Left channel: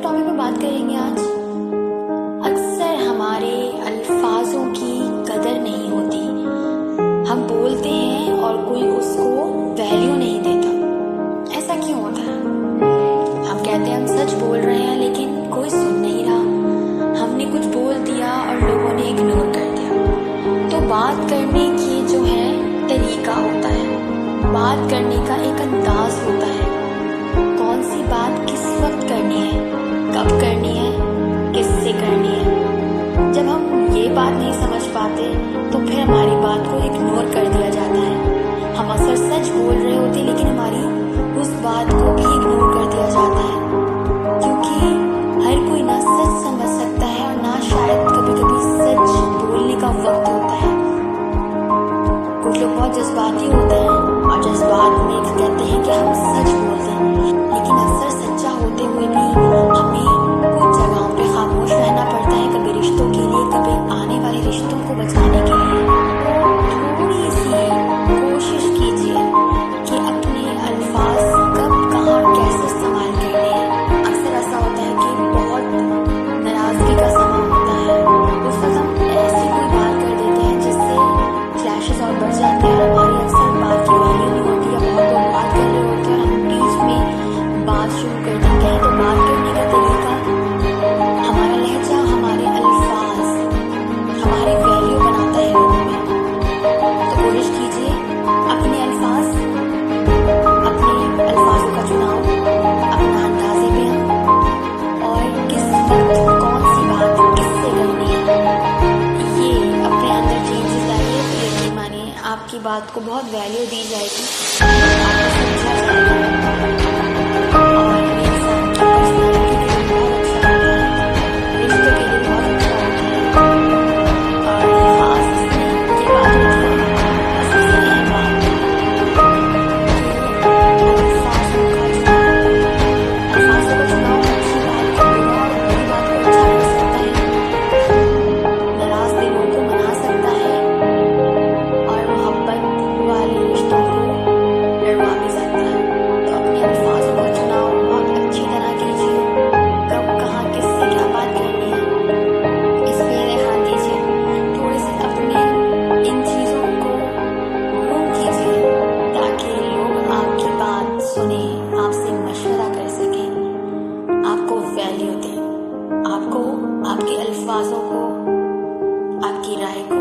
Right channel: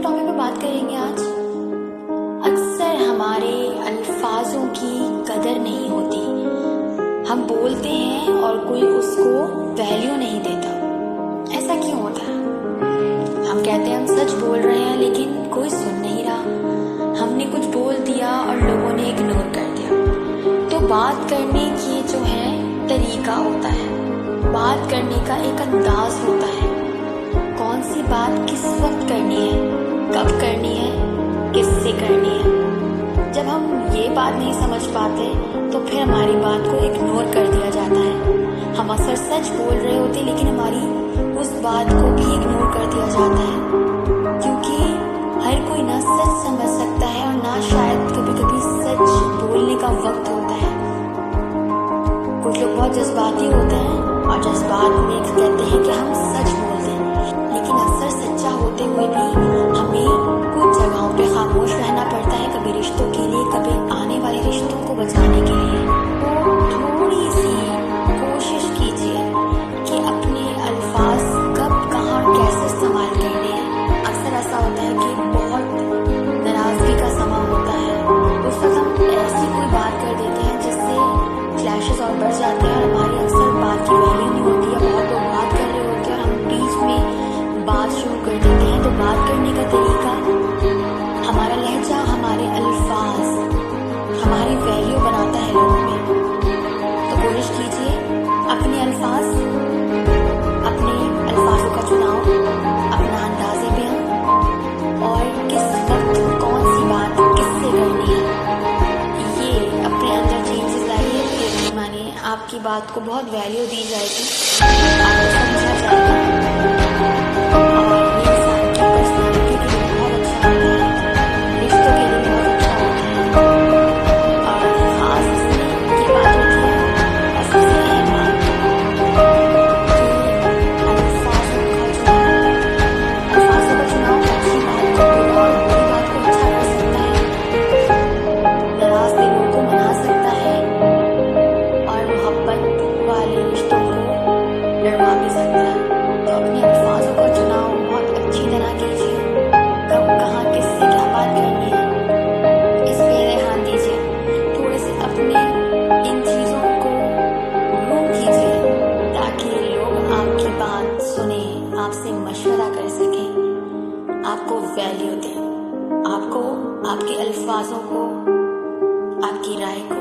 किन टॉपिक पे बात करेंगे आज। अक्सर हमारे अल्फाजों की कदर नहीं होती। हम बोलते हैं और कोई उसको वैल्यू नहीं देता। ऐसा क्यों होता है? हम कहते हैं हम सच बोल रहे हैं, लेकिन कोई सुन नहीं रहा। हमने कुछ बोल दिया और लोगों ने इग्नोर कर दिया। तो बात करने की जो है तरीका होता है, बात करने का एक अंदाज होता है। कौन सी बात किस वक्त करनी है, कब करनी है, किससे करनी है। जब हम ये बात नहीं समझ पाते तो फिर हमारी बात को इग्नोर कर दिया जाता है। हम अक्सर सच बोल रहे होते लेकिन हमारी उस बात को भी इग्नोर कर दिया जाता है, क्योंकि हर कोई ना सच समझ सकता है और ना शायद कभी कभी सच बोलने का वक्त होता है। कुछ लोग बहुत जज्बाती होते हैं और जज्बात में कहते हैं कि हम सच बोलते हैं, लेकिन अक्सर सच्चा होते हुए भी हमें कुछ जगहों पे खामोश रहना पड़ता है, कभी रिश्तों के लिए, कभी आने वाले रिश्तों को बचाने के लिए। तो थोड़ी सी कोशिश कीजिए कि अपने अल्फाज कब, कहाँ, कैसे इस्तेमाल करने हैं। अक्सर ऐसा होता है कि बहुत नाराजगी का समय होता है, उस वक्त हम ऐसी कोई बात कर देते हैं जिससे क्लैशेस और बढ़ जाते हैं और हमारी अक्सर बात की वैल्यू नहीं होती है। बहुत लोग बात कर रहे होते हैं और हम बीच में बात शुरू कर देते हैं। तो बात करने का तरीका, हमारा लहजा, हमारे अल्फाज हमारी वैल्यू बनाता है लोगों में। तो कोशिश कीजिए अपने अल्फाजों का चुनाव, अपना अंदाजे पे और किस वक्त कौन सी बात किससे करनी है, ये अपने अंदर चेंजेस लाइए। तो यकीन मानिए आपकी बात को बहुत वैल्यू दी जाएगी, आपको समझा जाएगा और ये इंसान की पर्सनैलिटी के लिए बहुत अच्छा होता है, रिश्तों के लिए बहुत अच्छा होता है। और खास इसमें ये बात होती है और सबसे अहम बात कि अल्फाजों का चुनाव अच्छी बात को बुरा और बुरी बात को अच्छा कर सकता है, नाराज दिलों को मना सकता है और मोहब्बत वाले रिश्तों को लड़वा भी सकता है। तो अपने अल्फाजों का चुनाव बहुत अच्छी तरह कीजिए। कब, कहाँ, किससे क्या बात करनी है, इस पे ध्यान दीजिए। थोड़े से अपने इन चीज़ों को ग्रूम कीजिए ताकि लोग आपकी बात सुने, आपसे मशवरा कर सकें, आपको वैल्यू दें, आपको, आपके अल्फाजों को, आपकी राय को।